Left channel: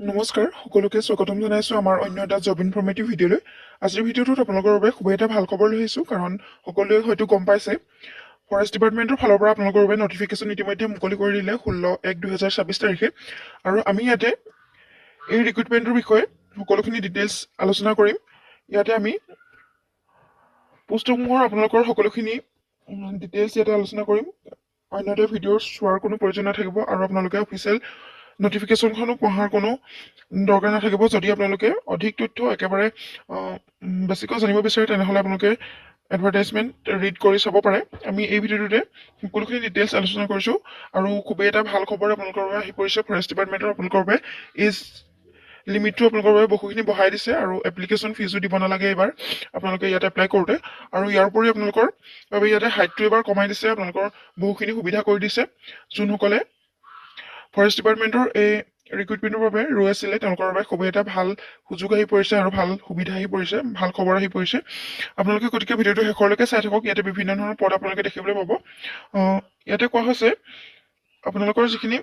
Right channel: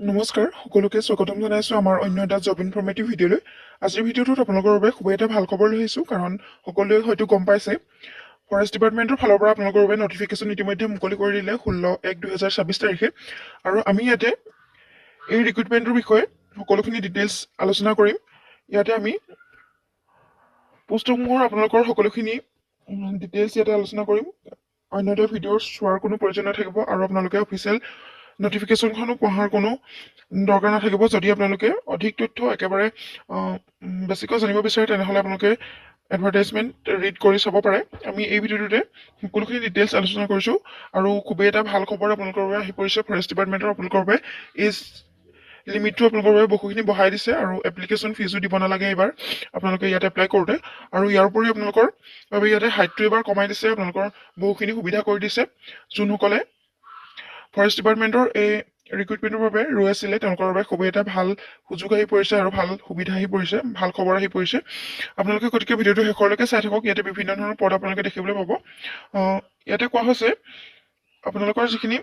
নমস্কাৰ সকলোকে স্বাগতম জনাইছো আমাৰ অন্য এটা জব ইনফৰ্মেটিভ ভিডিঅ'লৈ। আজিৰ ভিডিঅ'টোত আপোনালোকৰ বাবে খুবেই এটা ভাল খবৰ লৈ আহিছো, কাৰণ সকলোৱে হয়তো গম পাইছে ফৰেষ্ট ডিপাৰ্টমেণ্টৰ ফালৰ পৰা আপোনালোকৰ বাবে নটিফিকেশ্যন ইতিমধ্যে মুকলি কৰি দিলে 16/1/2026 তাৰিখে। আৰু আমি ইয়াতে এই ৰিক্ৰুটমেণ্টৰ বিষয়ে সকলোখিনি ডিটেইলছ আলোচনা কৰিম। ইয়াতে আমি পোষ্টসমূহৰ আপোনালোকৰ সকলোখিনি ডিটেইলছ ইয়াতে আলোচনা কৰিম। অন্য এটা ভিডিঅ' চোৱাৰ কোনো প্ৰয়োজন নাথাকিব আৰু আপোনালোকে অফিচিয়েল নটিফিকেশ্যনখনো পঢ়াৰ কোনো দৰকাৰ নাথাকিব। যদি আপোনালোকে অধিক তথ্য একেবাৰে বেছিকৈ জানিব বিচাৰে তেনেহ'লে আপোনালোকে এডভাৰটাইজমেণ্ট ৰিড কৰি চাব পাৰে। আমি এই ভিডিঅ'টোতে সকলোখিনি ডিটেইলছ আলোচনা কৰিছোঁ আৰু খুবেই এটা ভাল খবৰ আপোনালোকৰ বাবে আহি পৰিছে। ফৰেষ্ট ডিপাৰ্টমেণ্টৰ আপোনালোকৰ বাবে এজ লিমিটটো আপোনালোকৰ বাবে বহুখিনি বঢ়াই দিছে আৰু এপ্লিকেশ্যন ফিজো দিব নালাগে এইবাৰ আপোনালোকে ইয়াতে এপ্লাই কৰোঁতে। আৰু ইয়াৰ উপৰি আপোনালোকৰ বাবে ইয়াতে হাইটটো এইবাৰ কমাই দিছে, আপোনালোকৰ বহুখিনি সুবিধা কৰি দিছে। যোনসকলে ফৰেষ্ট ডিপাৰ্টমেণ্টৰ এই ৰিক্ৰুটমেণ্টৰ বাবে ৰৈ আছিলে তেওঁলোকৰ বাবে খুবেই এটা ভাল সুযোগ আহি পৰিছে আৰু ভাল সুবিধা আহি পৰিছে, ভাল খবৰ আহি পৰিছে। আপোনালোকে গতিকে ভিডিঅ'টো শেষলৈকে চাই থাকক। ইয়াতে বিভিন্ন ধৰণৰ পদ আপোনালোকে দেখিবলৈ পাব। ইয়াতে কোৱা হৈছে আপোনালোকৰ যিখিনি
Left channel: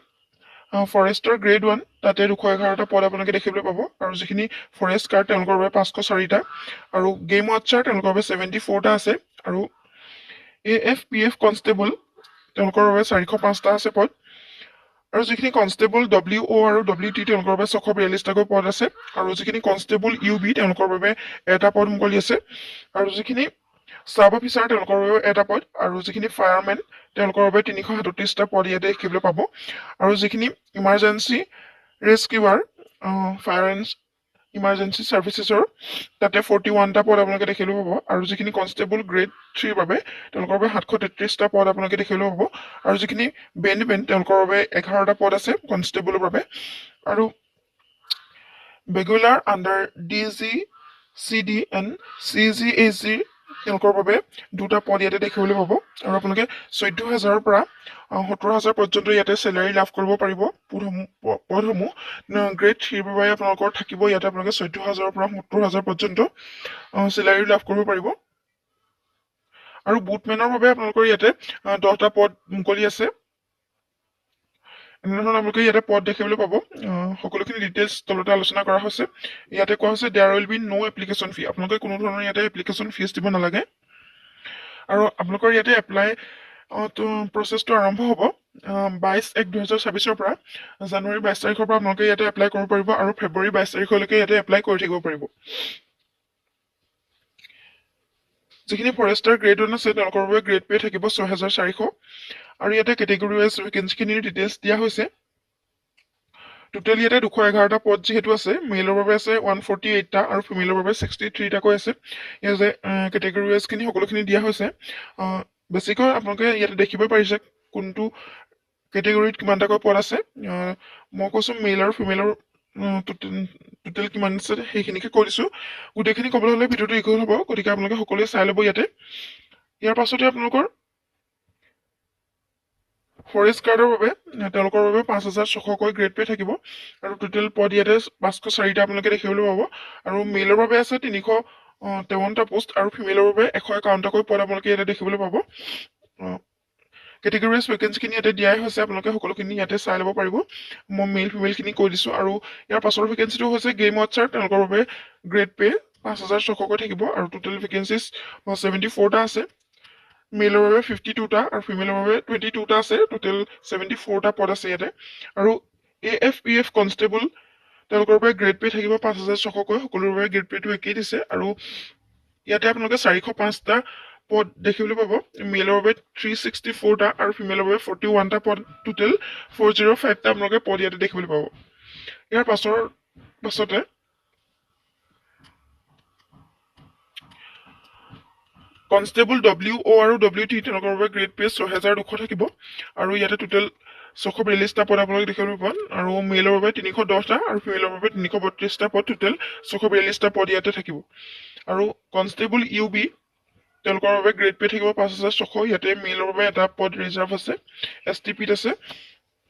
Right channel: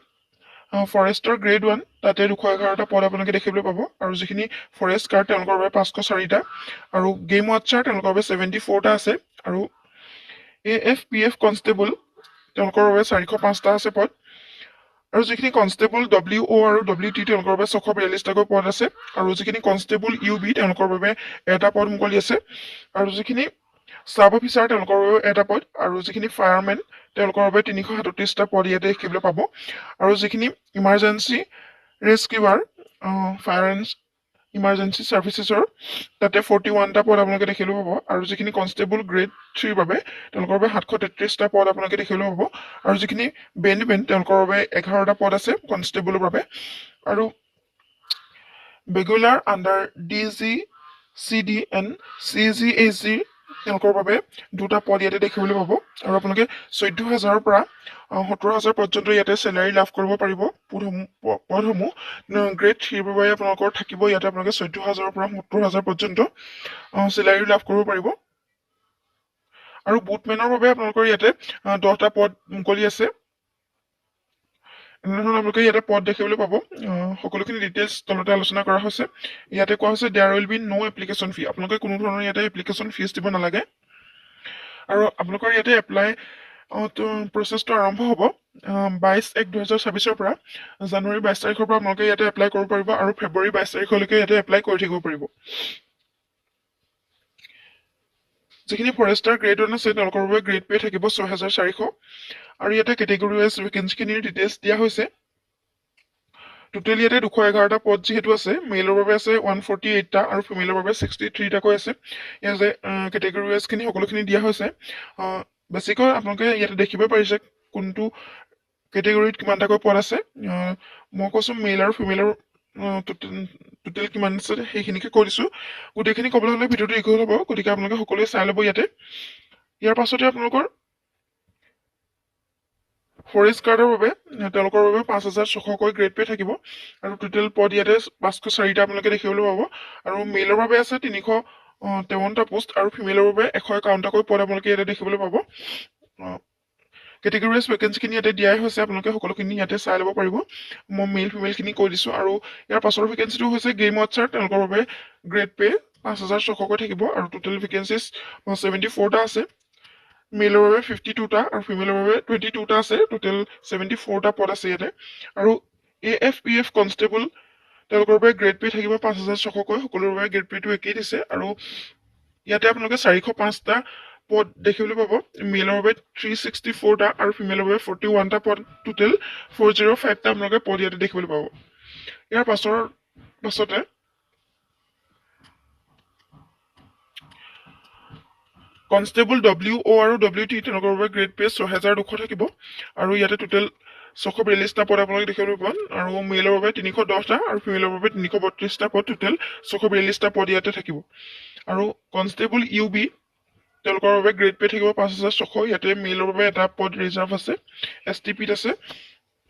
ফৰেষ্টৰ গ্ৰেড 1 তাতে 211টা পদ আপোনালোকে দেখিবলৈ পাব, আৰু যিখিনি ফৰেষ্ট গাৰ্ড তেওঁলোকৰ বাবে 504টা, আৰু গেম ৱাটচাৰ তেওঁলোকৰ বাবে 74টা আছে, আৰু AFPF কনষ্টেবল তেওঁলোকৰ বাবে 405টা আছে পদ, আৰু যিখিনি কনষ্টেবল WO আৰু WT তেওঁলোকৰ বাবে 642টাকৈ পদ আছে, আৰু যিখিনি কনষ্টেবল UB তেওঁলোকৰ বাবে এটা পদ মুকলি আছে, আৰু যিখিনি চাব অফিচাৰ তেওঁলোকৰ বাবে এটা পদ, আৰু যিখিনি ফায়াৰমেন তেওঁলোকৰ বাবে 337টা পদ ইয়াতে দেখিবলৈ পাব, আৰু যিখিনি ইমাৰ্জেঞ্চি ৰেস্কিউৱাৰ ফায়াৰ এণ্ড ইমাৰ্জেঞ্চি ছাৰ্ভিচেছৰ তাতে 41টা পদ আপোনালোকে দেখিবলৈ পাব, আৰু যিখিনি কনষ্টেবল গ্ৰেড 3ৰ বাবে তেওঁলোকৰ বাবে 733টা পদ আপোনালোকে দেখিবলৈ পাব, আৰু যিখিনি বেণ্ডমেন তেওঁলোকৰ বাবে 11টা পদ আছে কনষ্টেবলৰ বাবে, আৰু বেগুলাৰ আণ্ডাৰ DGCD এণ্ড CGHG তেওঁলোকৰ বাবে 2টা পদ ইয়াতে দেখিবলৈ পাব, আৰু আপোনালোকে 14,000ৰ পৰা 17,000 পৰ্যন্ত ইয়াতে চেলাৰী লাভ কৰিব পাৰিব। পদসমূহ গ্ৰেড 3ৰ বাবে আপোনালোকৰ থাকিব ইয়াতে আপোনালোকে 14,000ৰ পৰা 17,000 পৰ্যন্ত চেলাৰী লাভ কৰিব পাৰিব, আৰু বুটমেনৰ বাবে আপোনালোকৰ ইয়াতে 10টা পদ মুকলি আছে। এনেধৰণৰ আপোনালোকে ইয়াতে পদ দেখিবলৈ পাব। সকলোখিনি ডিটেইলছ তলতে আলোচনা কৰা হৈছে। ইয়াতে কোৱা হৈছে there will be no application fee, আপোনালোকে কোনো ধৰণৰ ইয়াতে এপ্লিকেশ্যন ফিজ দিব নালাগে, আৰু আপোনালোকৰ ইয়াতে এপ্লাই প্ৰচেছটো আৰম্ভ হ'ব 22/1/2026 পৰা। জানুৱাৰী 22 তাৰিখৰ পৰা আপোনালোকে ইয়াতে এপ্লাই কৰিব পাৰিব, আৰু ফেব্ৰুৱাৰী 22 তাৰিখলৈকে ইয়াতে এপ্লাই কৰি থাকিব পাৰিব। যিখিনি ফৰেষ্টাৰ গ্ৰেড 1 আছে তেওঁলোকৰ বাবে গ্ৰেড পে থাকিব 6,400, আৰু ইয়াতে কেটেগৰী ৱাইজ ভেকেঞ্চিখিনিৰ ডিটেইলছ দিয়া হৈছে। টোটেল ইয়াতে 211টা পদ যিহেতু আছে, মেলৰ বাবে আছে 148টা আৰু ফিমেলৰ বাবে 63টাকৈ আছে। ইয়াতে কেটেগৰী ৱাইজখিনি সকলোখিনি দিয়া হৈছে। বেছিকৈ আপোনালোকে ইয়াতে দেখিব পাৰিছে কোনটো কেটেগৰীত কিমানটাকৈ পদ আছে। মই কৈছোঁ মেল আৰু ফিমেলৰ টোটেল কিমান আছে সেইখিনিকে কৈ দিছোঁ। গোটেইখিনি ক'বলৈ হ'লে ভিডিঅ'টো দীঘল হ'ব, গতিকে আপোনালোকে সকলোৱে চাই ল'ব ইয়াতে। ইয়াৰ পাছতে আপোনালোকৰ ফৰেষ্ট গাৰ্ডৰ বাবে তেওঁলোকৰ বাবে 5,600কৈ গ্ৰেড পে থাকিব, আৰু টোটেল পদ ইয়াতে 504টা আপোনালোকে দেখিবলৈ পাব, আৰু মেলৰ বাবে আছে 353টা পোষ্ট, আৰু ফিমেলৰ বাবে 151টাকৈ পদ আপোনালোকে ইয়াতে দেখিবলৈ পাব। কেটেগৰী ৱাইজ ভেকেঞ্চিখিনি ইয়াতে দিয়াই হৈছে, আপোনালোকে সকলোখিনি ইয়াতে চাই ল'ব পাৰিব। মই মেল ফিমেলখিনি কৈ দিছোঁ, আৰু ইয়াৰ পাছৰ ভেকেঞ্চিটো হৈছে গেম ৱাটচাৰ তেওঁলোকৰ বাবে গ্ৰেড পে 5,600কৈ থাকিব, আৰু টোটেল ভেকেঞ্চিছ 74টা আছে। মেলৰ বাবে 52টা আৰু ফিমেলৰ বাবে 22টা আছে, টোটেল 74টা পদ আছে ইয়াতে। আৰু AFPF কনষ্টেবল তেওঁলোকৰ বাবে গ্ৰেড পে থাকিব 5,600কৈ, সকলোৰে বাবে গ্ৰেড পেটো একেই দিছে, আৰু ইয়াতে আপোনালোকে 405টা পদ দেখিবলৈ পাব। মেলৰ বাবে 364টা আৰু ফিমেলৰ বাবে 41টা পদ, টোটেল 405টা আপোনালোকে পদ ইয়াতে দেখিবলৈ পাব। ইয়াৰ পাছতে কনষ্টেবল WO আৰু WT তেওঁলোকৰ বাবে গ্ৰেড পে 6,200 থাকিব, আৰু ইয়াতে টোটেল 642টা পদ আপোনালোকে দেখিবলৈ পাব, আৰু মেলৰ বাবে 310টা আৰু ফিমেলৰ বাবে 332টা পদ, টোটেল 642টা পদ ইয়াতে থাকিব। আৰু কনষ্টেবল UB তেওঁলোকৰ বাবে গ্ৰেড পে থাকিব 5,600, ইয়াতে মেলৰ বাবে এটা পদ ৰিজাৰ্ভ আছে, STPত আছে,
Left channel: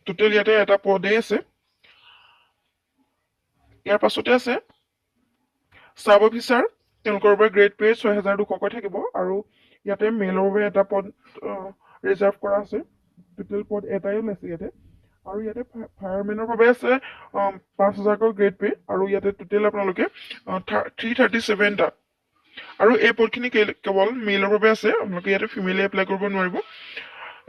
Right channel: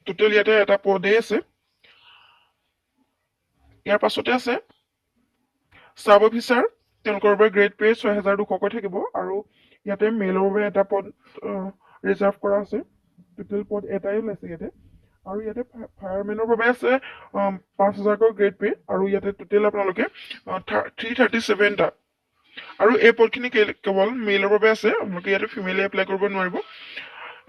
টোটেল ইয়াতে এটা পদেই আছে। ইয়াৰ পাছতে আছে চাব অফিচাৰ তেওঁলোকৰ বাবে গ্ৰেড পে 6,200কৈ থাকিব, আৰু ইয়াতে মেলৰ বাবে এটা পদ ৰিজাৰ্ভ কৰা আছে, টোটেল পদ এটাই ওলাইছে ইয়াতে, আৰু ইয়াতে ফায়াৰমেনৰ বাবে আছে 5,000কৈ গ্ৰেড পে আৰু ইয়াতে টোটেল আপোনালোকে 337টা আৰু এই পদখিনি কেৱল মেইলৰ বাবে আছে আপোনালোকে ইয়াতে ফিমেলে এপ্লাই কৰিব নোৱাৰিব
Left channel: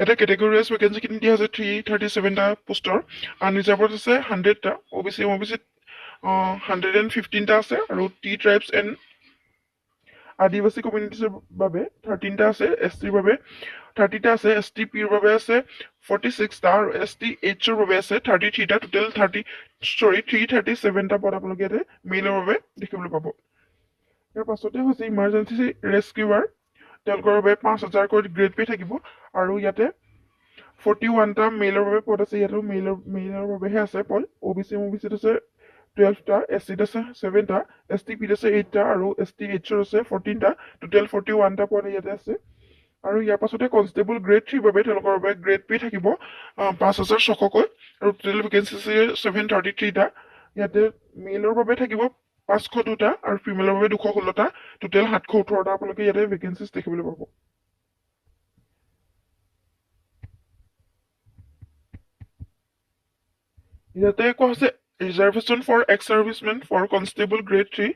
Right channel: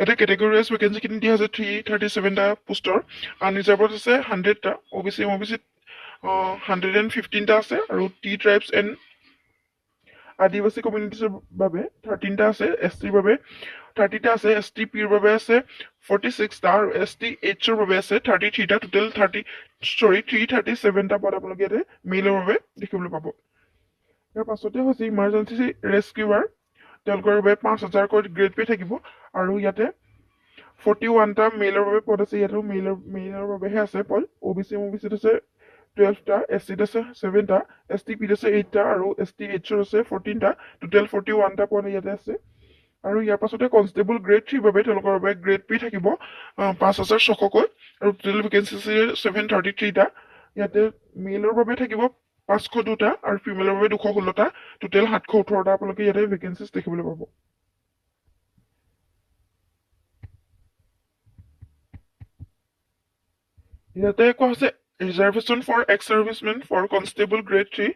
এটা কেটেগৰী ৱাইজ ভেকেঞ্চিখিনি দিয়া আছে 337টা পোষ্টৰ আনৰিজাৰ্ভত আছে 100টা অবিচি 115টা আছে আৰু টি ট্ৰাইবছ এণ্ড আদিবাসী কমিউনিটিছৰ বাবে 13টা আছে এছ টিৰ বাবে 30টা আছে এছ টি পিৰ বাবে আছে 46টা আৰু এছ টি এইচৰ বাবে আছে 33টা টোটেল 337টা পদ আপোনালোকে ইয়াতে মেইলৰ বাবে দেখিবলৈ পাব ইয়াৰ পাছতে হৈছে ইমাৰ্জেঞ্চি ৰেস্কিউৱাৰ তেওঁলোকৰ বাবে 5,000কৈ গ্ৰেড পে থাকিব আৰু ইয়াতে 41টা মেইলৰ বাবে পদ আছে ইয়াতো মেইলৰ বাবেহে আছে পদ অবিচিত আছে 12টা এছ চিত আছে 7টা এছ টি পিত আছে 8টা আৰু এছ টি এইচৰ আছে 14টা টোটেল 41টা পদ ইয়াতে আছে আৰু ইয়াৰ পাছতে কনষ্টেবল গ্ৰেড 3 বাবে তেওঁলোকৰ বাবে গ্ৰেড পে থাকিব 5,600কৈ আৰু টোটেল ভেকেঞ্চি আছে 733টা ইয়াতে মেইলৰ বাবে থাকিব 502টা আৰু ফিমেলৰ বাবে 216টা টোটেল 718টা আপোনালোকে ইয়াতে ভেকেঞ্চিজ দেখিবলৈ পাব ইয়াতে কোৱা হৈছে reservation for ex servicemen for constable grade 3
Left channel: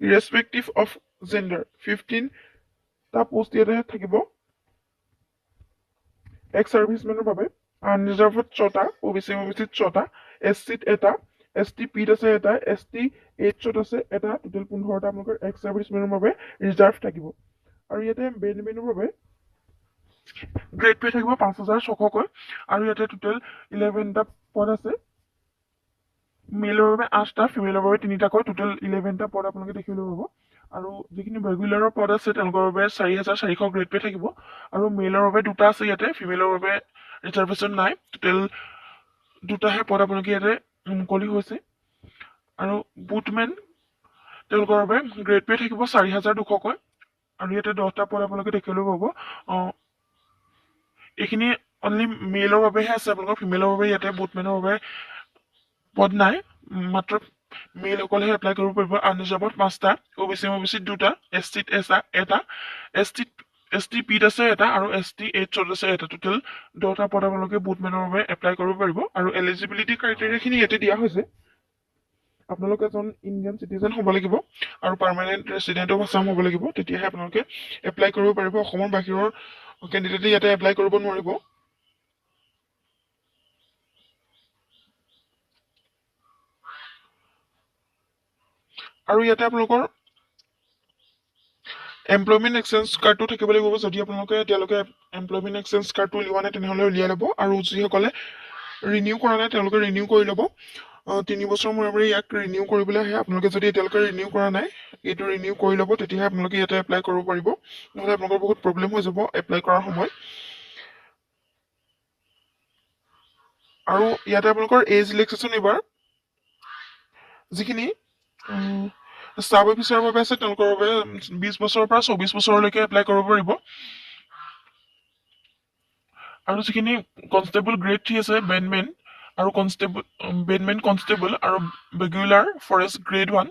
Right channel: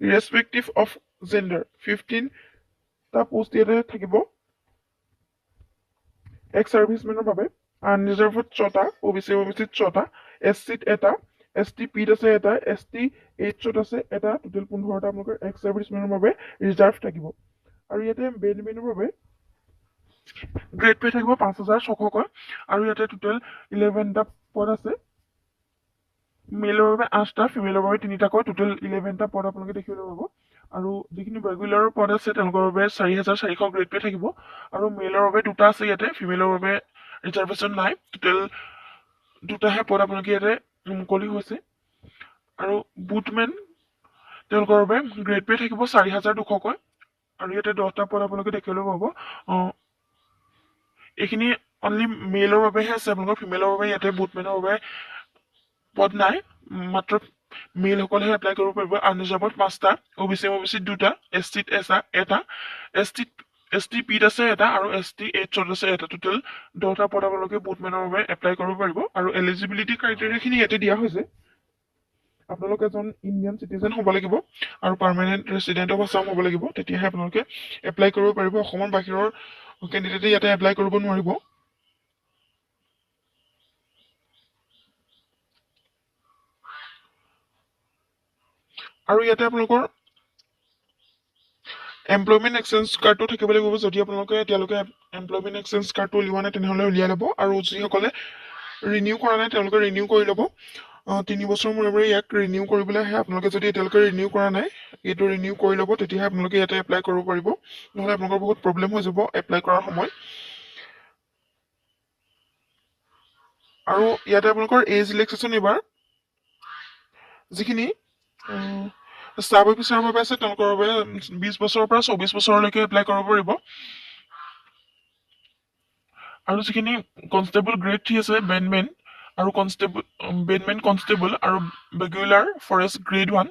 irrespective of gender 15টা পোষ্ট ইয়াতে থাকিব এক্স চাৰ্ভিচমেনৰ বাবে আনৰিজাৰ্ভত 6টা অবিচিত 6টা এছ চিত এটা এছ টি পিত আছে এটা এছ টি এইচত আছে এটা টোটেল 15টা আপোনালোকৰ এক্স চাৰ্ভিচমেনৰ বাবে ৰিজাৰ্ভ থাকিব আৰু ইয়াতে বেনমেনৰ বাবে গ্ৰেড পে থাকিব 5,600কৈ আৰু ইয়াতে টোটেল 11টা পদ আছে মেইলৰ বাবে 8টা ফিমেলৰ বাবে 3টাকৈ টোটেল 11টা পদ আপোনালোকে দেখিবলৈ পাব আৰু যিখিনি ৰেগুলাৰৰ পদ আছে তেওঁলোকৰ বাবে 4,400 গ্ৰেড পে থাকিব আৰু মেইলৰ বাবে 2টা আছে ইয়াতে ফিমেলৰ বাবে ৰিজাৰ্ভেশ্যন নাই টোটেল 2টাহে পদ আপোনালোকে ইয়াতে মুকলি হৈছে আৰু বুটমেন তেওঁলোকৰ বাবে গ্ৰেড পে থাকিব 4,200কৈ আৰু ইয়াতে 10টা পদ আপোনালোকে দেখিবলৈ পাব এইখিনি অনলি মেইলৰ বাবেহে আছে আপোনালোকৰ ফিমেলৰ বাবে ইয়াতে বুটমেনৰ বাবে পদ নাই মাত্ৰ মেইলসকলেহে এপ্লাই কৰিব পাৰিব আনৰিজাৰ্ভত 5টা অবিচিত 2টা এছ চিত এটা এছ টি পিত আছে এটা আৰু এছ টি এইচত আছে এটা টোটেল 10টা পদ আপোনালোকে বুটমেনৰ বাবে এপ্লাই কৰিব পাৰিব আৰু এলিজিবিলিটি ক্ৰাইটেৰিয়াখিনি ইয়াতে দিয়া হৈছে আপোনালোক এজন ইণ্ডিয়ান চিটিজেন হ'ব লাগিব আৰু পাৰ্মানেণ্ট ৰেচিডেণ্ট অফ আছাম হ'ব লাগিব তেতিয়াহে আপোনালোকে এপ্লাই কৰিব পাৰিব অসমৰ বাহিৰৰ কেণ্ডিডেটে ইয়াতে এপ্লাই কৰিব নোৱাৰিব আৰু ইয়াতে আপোনালোকৰ এমপ্লয়মেণ্ট এক্সচেঞ্জ কাৰ্ডটো থাকিব লাগিব যদি আপোনালোকে এতিয়ালৈকে এমপ্লয়মেণ্ট এক্সচেঞ্জ কাৰ্ডটো উলিওৱা নাই তেনেহ'লে উলিয়াই ল'ব আৰু যিসকলে ৰিনিউ কৰা নাই তেওঁলোকে ৰিনিউ কৰি ল'ব 3 বছৰ মূৰে ইয়াক ৰিনিউ কৰিবলৈ আহে আপোনালোকে যদি এতিয়ালৈকে ৰিনিউ কৰা নাই এইটো ৰিনিউ কৰি ল'ব তেতিয়াহে আপোনালোকে ইয়াতে এপ্লাই কৰিব পাৰিব নহ'লে আপোনালোকৰ বহুত প্ৰব্লেম হৈ যাব এপ্লাই কৰাৰ সময় আৰু ইয়াতে আপোনালোকৰ এজ ৰিলেক্সেশ্যন এইবাৰ যিখিনি ষ্টাফ অফিচাৰৰ বাবে আছে তেওঁলোকৰ বাবে 20 বছৰৰ পৰা 24 বছৰলৈকে এপ্লাই কৰিব পাৰিব আৰু যিখিনি কনষ্টেবল গ্ৰেড 3 আছে বেনমেন আৰু বেনমেন কনষ্টেবল আৰু regular forest grade 1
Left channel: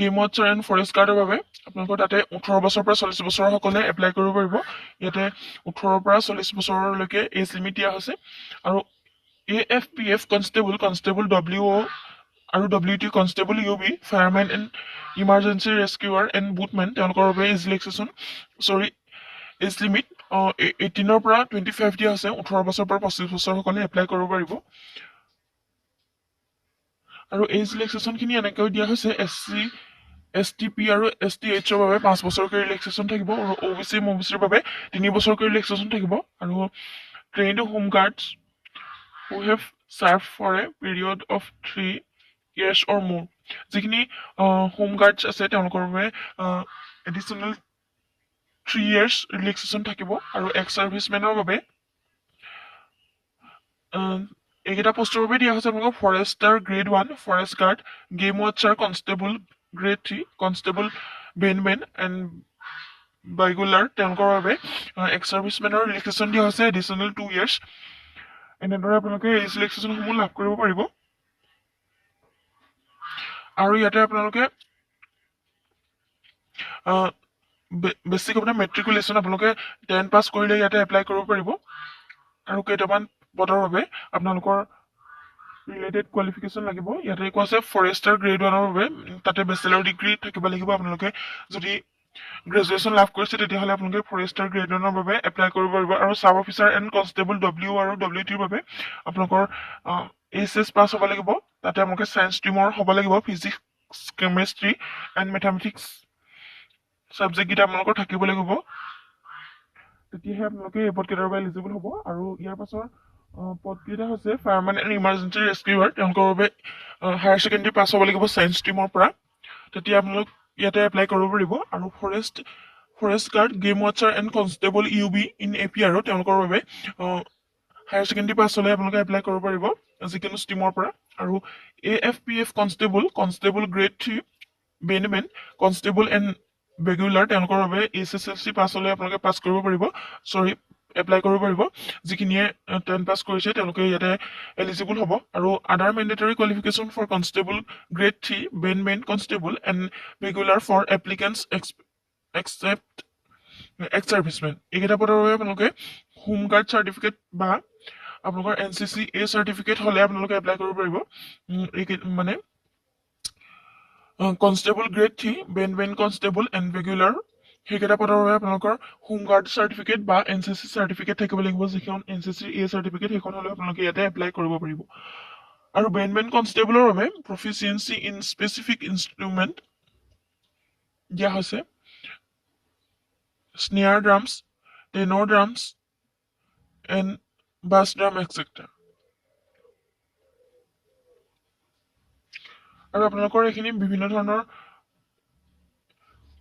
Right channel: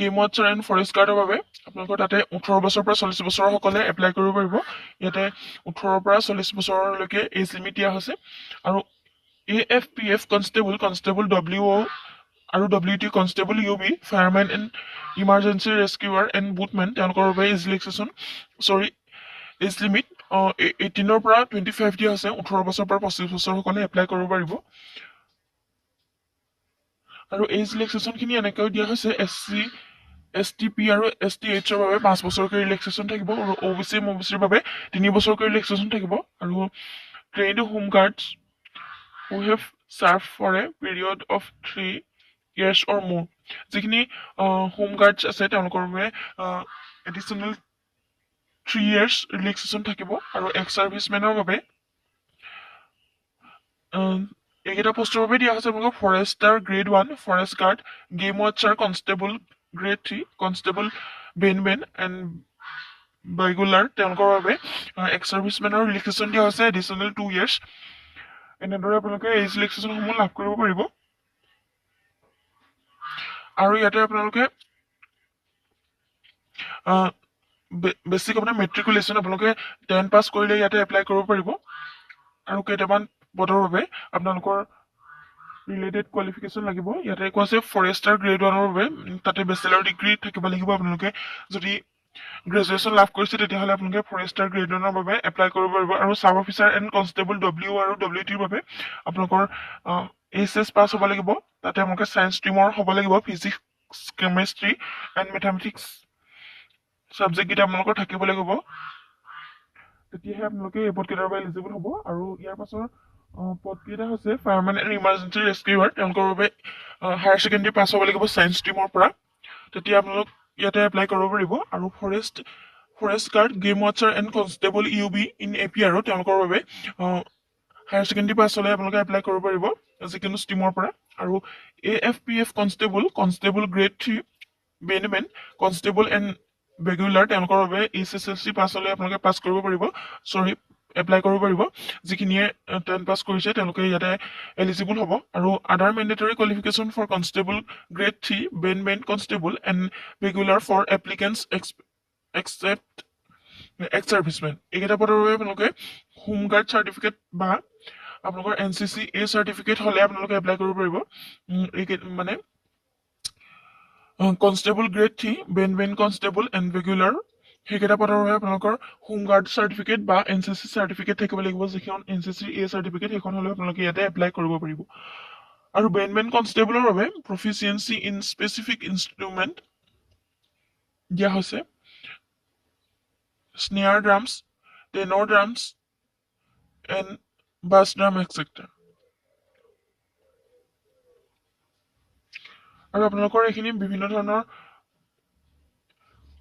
game watcher and forest গাৰ্ডৰ বাবে আপোনালোকৰ তাতে 18 বছৰৰ পৰা 40 বছৰসকলে এপ্লাই কৰিব পাৰিব ইয়াতে 18ৰ পৰা 40 বছৰলৈকে এজ লিমিট দিয়া হৈছে আৰু AFPF কনষ্টেবল WO আৰু WT constable UB firemen and emergency rescuer and বুটমেন তেওঁলোকৰ বাবে এজ লিমিট 18ৰ পৰা 25 দিয়া হৈছে 18 বছৰৰ পৰা 25 বছৰসকলে এপ্লাই কৰিব পাৰিব আৰু এজ ৰিলেক্সেশ্যনখিনি এনেকৈ দিয়া হৈছে STP আৰু STHৰ বাবে 5 বছৰকৈ ৰিলেক্সেশ্যন থাকিব আৰু OBCৰ বাবে 3 বছৰকৈ ৰিলেক্সেশ্যন থাকিব আৰু trained home guards who have served for a period of 3 years or more যিখিনি হোম গাৰ্ডছ আছে তেওঁলোকৰ বাবে এডিশ্যনেল 3 years ৰিলেক্সেশ্যন থাকিব আৰু এক্স চাৰ্ভিচমেনৰ বাবে এইকেইটা পোষ্টৰ বাবে দিয়া হৈছে আপোনালোকক forester grade 1 forest guard game watcher constable grade 3 constable bandmen and বাইগুলাৰ তেওঁলোকৰ বাবে এক্স চাৰ্ভিচমেনৰ ৰিলেক্সেশ্যন দিয়া হৈছে এডিশ্যনেল 2 years এনেদৰে আপোনালোকে এজ ৰিলেক্সেশ্যনসমূহ লাভ কৰিব পাৰিব আৰু ইয়াতে আপোনালোকে বেছিক আপোনাৰ মেট্ৰিকুলেশ্যন আপোনালোকে 10 পাছ কৰিলে ইয়াতে এপ্লাই কৰিব পাৰিব আৰু কেইটামান পদৰ বাবে আপোনালোকৰ ৰিলেটেড কোৱালিফিকেশ্যন লাগিব। ইয়াতে কৈ আছে ফৰেষ্টাৰ গ্ৰেড 1ৰ বাবে তাতে বেচেলৰ ডিগ্ৰী থাকিব লাগিব। আপোনালোকে যদি গ্ৰেজুৱেশ্যন লাভ কৰিছে তেতিয়াহ'লে আপোনালোকে ফৰেষ্টাৰ গ্ৰেড 1ৰ বাবে এপ্লাই কৰিব পাৰিব। আৰু চাব অফিচাৰ এণ্ড কনষ্টেবল ডব্লিউ আৰু WT ৰ বাবে আপোনালোকৰ HS পাছ হ'ব লাগিব। তাতে আপোনালোকে চায়েন্স ষ্ট্ৰীমৰ হ'ব লাগিব। ফিজিক্স, কেমেষ্ট্ৰি এণ্ড মেথামেটিক্স ছাবজেক্টকেইটা আপোনালোকৰ থাকিব লাগিব। তেতিয়াহে আপোনালোকে এই পদকেইটাৰ বাবে এলিজিবল হ'ব। আৰু ইয়াৰ পাছৰ পদকেইটা হৈছে ফায়াৰমেন এণ্ড ইমাৰ্জেঞ্চি ৰেস্কিউৱাৰ। তেওঁলোকৰ বাবে হায়াৰ ছেকেণ্ডেৰী পাছ হ'ব লাগিব চায়েন্স ষ্ট্ৰীমৰ পৰা। তেতিয়া আপোনালোক ইয়াতে এপ্লাই কৰিব পাৰিব। আৰু forest guard, game watcher and constable UB in APR তেওঁলোকৰ বাবে হায়াৰ ছেকেণ্ডেৰী পাছ হ'লে আপোনালোকে এপ্লাই কৰিব পাৰিব যিকোনো ষ্ট্ৰীমৰ পৰা। আৰু AFPF constable grade 3, বেণ্ডমেন, constable and regular তেওঁলোকৰ বাবে SSLC পাছ হ'লে আপোনালোকে এপ্লাই কৰিব পাৰিব। যিখিনিয়ে 10 পাছ কৰিছে তেওঁলোকে ইয়াতে এলিজিবল হ'ব। আৰু other mandatory qualification for constable grade 3, বেণ্ডমেন, constable and regular for applicants except ex servicemen. এইকেইটা পদৰ বাবে আপোনালোকে হোমগাৰ্ড চাৰ্টিফিকেট বা আপোনালোকৰ NCC চাৰ্টিফিকেট হ'লে আপোনালোকে এপ্লাই কৰিব পাৰিব। মানে constable grade 3, বেণ্ডমেন, constable and regular সেইকেইটা পদৰ বাবে আপোনালোকৰ হোমগাৰ্ড চাৰ্টিফিকেট বা NCC চাৰ্টিফিকেট থাকিব লাগিব। যিখন NCC চাৰ্টিফিকেট সেইখন হ'লে আপোনালোকে ইয়াতে এপ্লাই কৰিব পাৰিব। আৰু বেণ্ডমেন কনষ্টেবলৰ বাবে প্ৰফিচিয়েঞ্চি ইন স্পেচিফিক ইনষ্ট্ৰুমেণ্ট দিয়া হৈছে। স্নেয়াৰ ড্ৰামছ, টেনৰ ড্ৰামছ এণ্ড বাছ ড্ৰাম এটচেট্ৰা। আৰু আপোনালোকৰ এইখিনি বিভিন্ন ধৰণৰ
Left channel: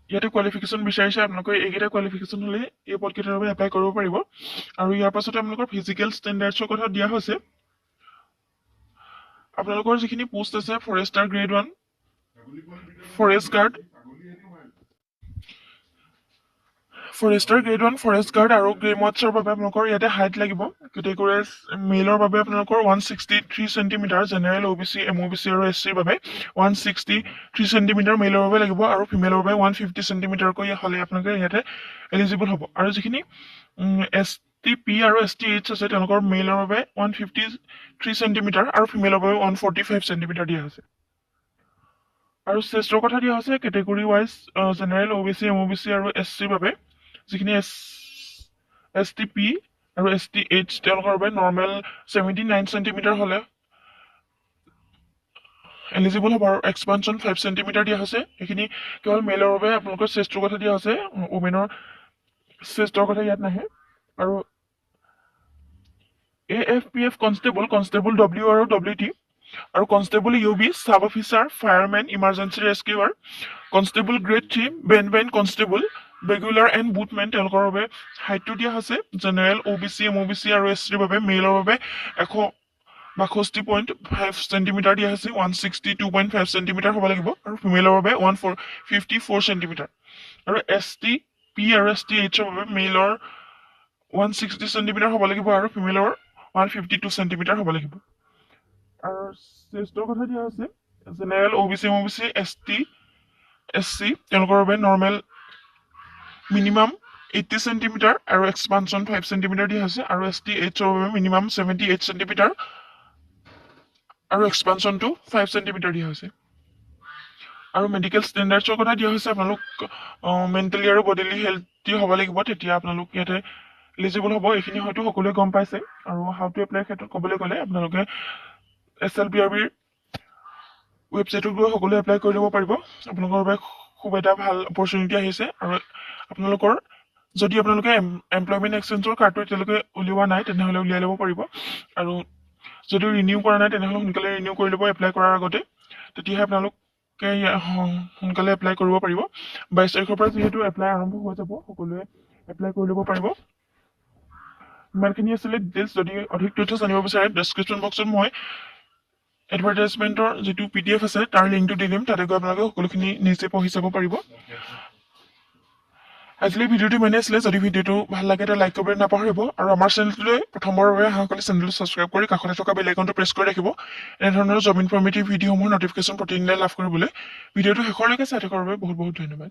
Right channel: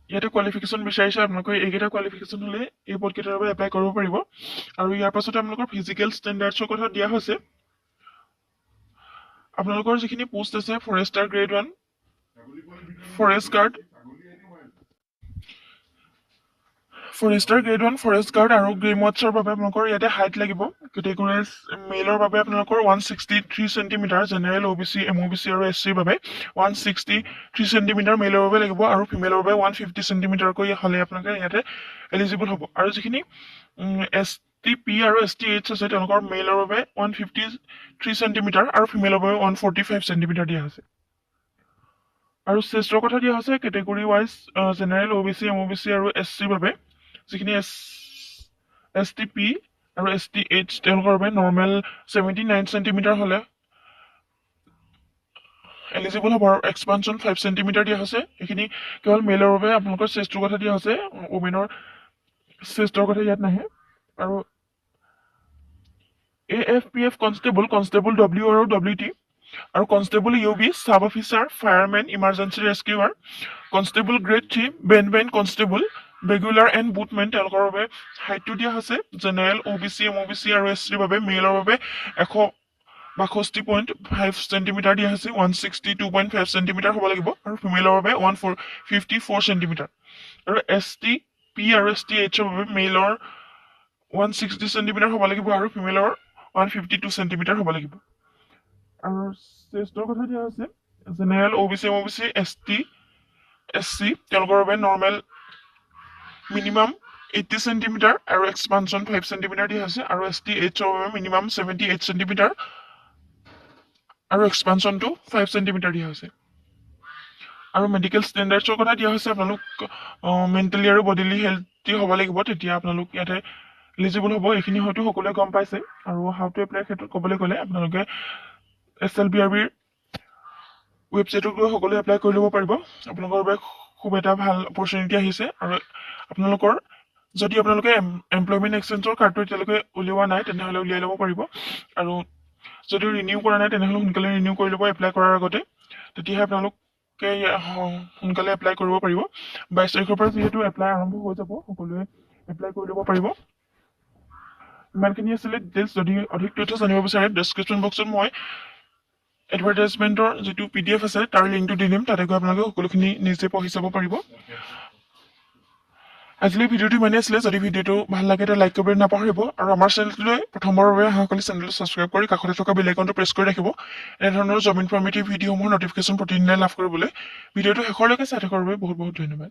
ইয়াতে কোৱালিফিকেশ্যন বিচাৰিছে। আপোনালোকে এইকেইটা কোৱালিফিকেশ্যন হ'লে এই পদকেইটাৰ বাবে এপ্লাই কৰিব পাৰিব। আৰু ইয়াৰ পাছতে আপোনালোকৰ ফিজিকেল ষ্টেণ্ডাৰ্ডছৰ কথা দিয়া হৈছে। আপোনালোকৰ যিখিনি পোষ্ট আছে ফৰেষ্টাৰ গ্ৰেড 1, ফৰেষ্ট গাৰ্ড আৰু গেম ৱাচাৰ বাবে আপোনালোকৰ ইয়াতে হাইট লাগিব। কেটেগৰাইজ মেলৰ বাবে আপোনালোকৰ 163 চেণ্টিমিটাৰ, জেনেৰেল OBC, MOBC আৰু SCৰ বাবে 163 চেণ্টিমিটাৰ মেলৰ বাবে লাগিব। আৰু ফিমেলৰ বাবে 150 চেণ্টিমিটাৰকৈ হ'লে আপোনালোকে ইয়াতে এলিজিবল হ'ব। আৰু যিখিনি STP আৰু STH আছে তেওঁলোকৰ মেলৰ বাবে 153 চেণ্টিমিটাৰ আৰু ফিমেলৰ বাবে 145 চেণ্টিমিটাৰ দিয়া হৈছে। আৰু চেষ্টৰ কথা দিয়া হৈছে category wise general OBC, MOBC আৰু SCৰ বাবে যিখিনি STP আৰু STH তেওঁলোকৰ বাবে নৰ্মেল 79 চেণ্টিমিটাৰ হ'লে এলিজিবল হ'ব। আৰু এক্সপানশ্যন 5 চেণ্টিমিটাৰ দিয়া হৈছে। এইখিনি কেৱল মেলৰ বাবে আপোনালোকৰ চেষ্টৰ কথা দিয়া হৈছে, ওমেনৰ চেষ্টৰ কথা ইয়াত নাহে। আৰু AFPF কনষ্টেবল W আৰু WT আৰু constable UB, sub officer, firemen, emergency rescuer, constable grade 3, বেণ্ডমেন, constable, regular and বুটমেন তেওঁলোকৰ বাবে হাইটটো দিয়া হৈছে। জেনেৰেল OBC, MOBC আৰু SCৰ বাবে মেলৰ বাবে 162.5 চেণ্টিমিটাৰ দিয়া হৈছে, 162.5 চেণ্টিমিটাৰ হ'ব লাগিব। আৰু ফিমেলৰ বাবে 154 চেণ্টিমিটাৰ। আৰু STP আৰু STHৰ বাবে মেলৰ 160 চেণ্টিমিটাৰ হ'ব লাগিব আৰু ফিমেলৰ 152 চেণ্টিমিটাৰ হ'ব লাগিব। আৰু চেষ্টৰ কথা দিয়া হৈছে general OBC, MOBC, ST, SC তেওঁলোকৰ বাবে নৰ্মেল মিনিমাম 80 চেণ্টিমিটাৰ আৰু এক্সপানশ্যন 5 চেণ্টিমিটাৰ দিয়া হৈছে। আৰু STHৰ বাবে মিনিমাম 78 চেণ্টিমিটাৰ আৰু এক্সপানশ্যনটো 5 চেণ্টিমিটাৰ দিয়া হৈছে। আৰু মেডিকেল ষ্টেণ্ডাৰ্ডছৰ কথা দিয়া হৈছে আপোনালোক মেণ্টেলি আৰু বডিলি হেল্থি হ'ব লাগিব, তেতিয়া আপোনালোক ইয়াতে এলিজিবল হ'ব। এইখিনি হয়তো সকলোৱে গম পাইছে। আৰু হাউ টু এপ্লাই ক্ষেত্ৰত ক'বলৈ গ'লে আপোনালোকে SLBRBৰ ৱেবছাইটত গৈ সকলোৱে এপ্লাই কৰি ল'ব পাৰিব। আপোনালোকৰ বাবে খুব এটা ভাল অপৰচুনিটি আহিছে। আৰু যদি আপোনালোকে এমপ্লয়মেণ্ট এক্সচেঞ্জৰ কাৰ্ডটো এতিয়ালৈকে উলিওৱা নাই তেনেহ'লে উলিয়াই ল'ব পাৰিব। আৰু যদি ৰিনিউ কৰা নাই তেনেহ'লে সোনকালে ৰিনিউ কৰি ল'ব এপ্লাই কৰাৰ আগতে, তেতিয়াহে আপোনালোকে সোনকালে এপ্লাই কৰিব পাৰিব। 22 তাৰিখৰ পৰা যিহেতু এপ্লাই আৰম্ভ হৈ যাব, সকলোৱে এপ্লাই কৰি ল'ব পাৰিব। ইমানখিনি আছিলে ডিটেইলছ। যদি অধিক তথ্য জানিব বিচাৰে ডেছক্ৰিপশ্যন বক্সত মই এডভাৰটাইজমেণ্টৰ যিটো PDF আছে তাৰ লিংকটো দি দিম, তাতে গৈ আপোনালোকে সকলোখিনি নিজে পঢ়ি চাব পাৰিব। আজিলৈ ভিডিঅ'টো ইমানেই আছিলে। যদি ভিডিঅ'টো ভাল লাগে তেতিয়া লাইক কৰিবলৈ নাপাহৰিব। আৰু আমাৰ চেনেলটোলৈ প্ৰথমবাৰৰ বাবে অহাসকলে চেনেলটো ছাবস্ক্ৰাইব কৰি কাষতে থকা বেল আইকনটো প্ৰেছ কৰি ৰাখিব এনেধৰণৰ জব ইনফৰ্মেটিভ ভিডিঅ'সমূহৰ নটিফিকেশ্যন প্ৰতিদিনে লাভ কৰিবলৈ। ভিডিঅ'টো শেষলৈকে চাই থকাৰ বাবে বহুত বহুত ধন্যবাদ।